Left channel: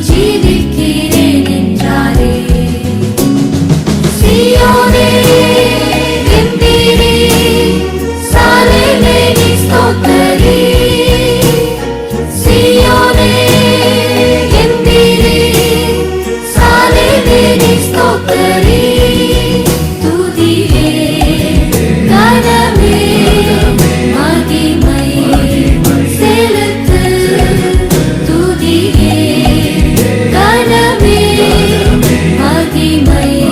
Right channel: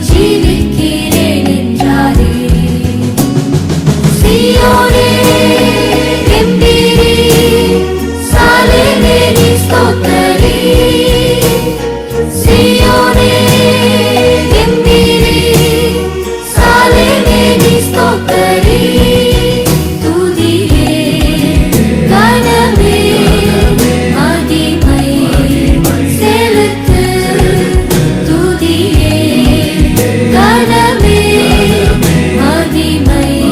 chivis Bye.